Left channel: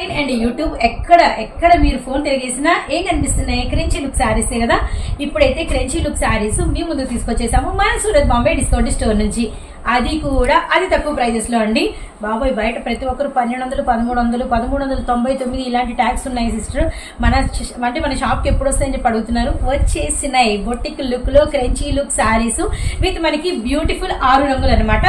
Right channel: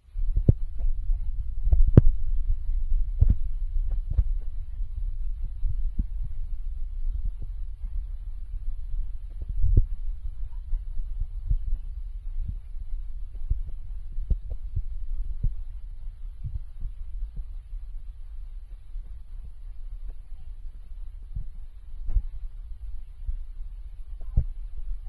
And YouTube ఎక్కడ మీరు phone తిరిగేసినా ఏం కనిపిస్తున్నాయి? క్రెంచీ లుక్ శారీసే కదా. ఇప్పుడైతే క్రెంచీ లుక్ శారీస్ మీ ముందుకు తీసుకొచ్చేసాము మన సూరత్ బాంబే డిస్కౌంట్ స్టోర్ నుంచి. అది కూడా అతి తక్కువ ప్రైజెస్ లో అండి బాబాయ్. బయట ప్రతి ఒక్కరు 1200, 1300, 1399 ఇలాంటి ట్యాక్స్ ఉన్నాయి సిస్టర్. మన షాప్ కి ఎప్పుడు వస్తాయని చెప్పి అడుగుతున్నారు. వచ్చేసినాయి బొటిక్ లుక్ లో క్రెంచీ లుక్ శారీస్ విత్ మనకి బ్యూటిఫుల్ 6 రంగులు అనమాట.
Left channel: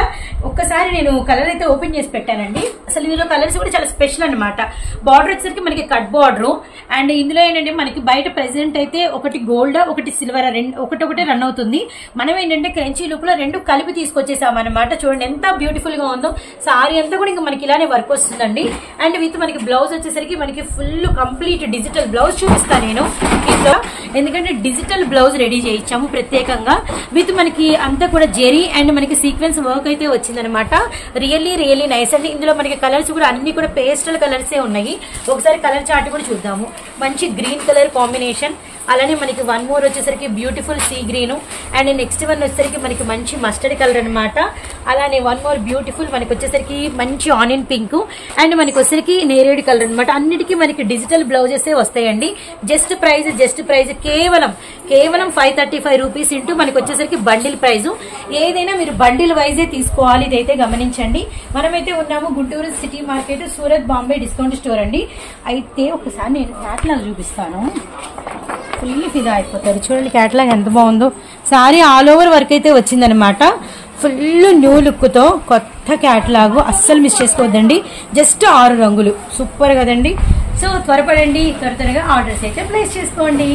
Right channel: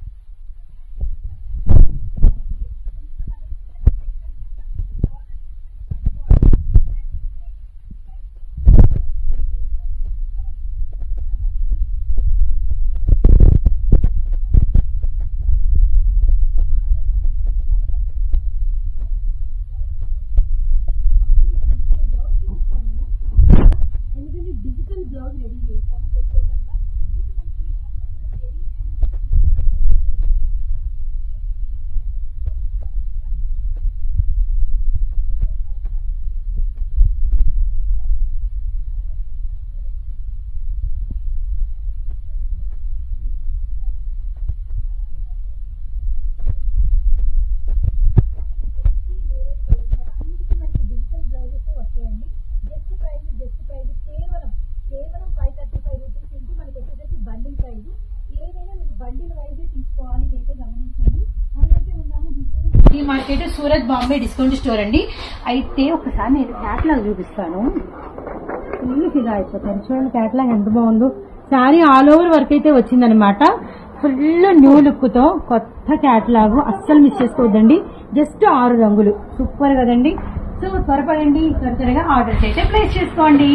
ఒక్కసారి నేను కలర్ అయితే ఓపెన్ చేసి పెట్టానండి. అసలు ఇందులో కలర్స్ కూడా చాలా స్పెషల్ అనమాట. బార్డర్ వచ్చేసరికి మనకి కట్ బార్డర్ అండ్ ఇందులో ఏంటంటే మనకి బయట ప్రెసెంట్ అయితే ఒకటి గోల్డ్ ఒకటి సిల్వర్ ఒకటే రన్ అవుతుంది. మనం ఏంటంటే క్రెంచీ లుక్ లో రెండు కలిపి తీసుకొచ్చేసాం అనమాట. చూడండి ఎంత బ్యూటిఫుల్ గా ఉందో. సారీ అంతా కూడా ఇంకా మనకి ఇలానే వర్క్ వస్తుందండి. అండ్ విత్ మనకి బ్లౌజ్ వచ్చేసరికి మనకి ఫుల్ కంప్లీట్ డిజిటల్ బ్లౌజ్ చూపిస్తాను నేను ఇంట్లో, ఎందుకంటే డిజిటల్ బ్లౌజ్ రెడీ చేయించాము ప్రత్యేకంగా. విత్ మనకి అంతా కూడా జెరీ అండ్ మనకి సీక్వెన్స్ వర్క్ అయితే వచ్చిందనమాట. రియల్లీ నైస్ అండి. ఇందులో మనకి కలర్స్ కూడా అన్ని కూడా పేస్టల్ కలర్సే ఉన్నాయి. ఒకసారి కలర్ చార్ట్ కూడా చూద్దాము. మంచి గ్రీన్ కలర్ కాంబినేషన్, అలానే మనకి వన్ మోర్ వచ్చేసరికి beautiful sea green and next one వచ్చేసరికి మనకి మంచి మస్టర్డ్ కలర్ అనమాట. అలానే వన్ మోర్ బ్యూటిఫుల్ మనకి వచ్చేసరికి మంచి ఆనియన్ పింక్ అండ్ మనకి వచ్చేసరికి నేరేడ్ కలర్ అనమాట. అన్నిటికీ మనకి డిజిటల్ బ్లౌజెస్ వస్తాయండి. జస్ట్ ప్రైజ్ కేవలం 535 రూపీస్ ఇంటూ మనకి వచ్చేసరికి బండిల్ ప్రైజ్. ఏదైనా మీరు బండిల్ వైజే తీసుకోవాలి, ఇదైతే గమనించండి. మనమైతే ఉన్నాము Guntur city market Surat Bombay discount store అండి. అయితే ఒకసారి నేను క్యాటలాగ్ చూపిస్తాను. ఫుల్ ఫిదా అయిపోతారు. చూడండి క్యాటలాగ్ ఎంత బాగుందో. సారీ ఆల్ ఓవర్ వర్క్ అయితే వచ్చిందనమాట. ఫుల్ న్యూ లుక్ తో కొత్త క్యాటలాగ్, అస్సలు మిస్ చేసుకోవద్దండి. జస్ట్ 6 రంగులు, సూపర్ కదండి. సో త్వరపడండి, త్వరగా ఆర్డర్స్ అయితే ప్లేస్ చేసుకోండి.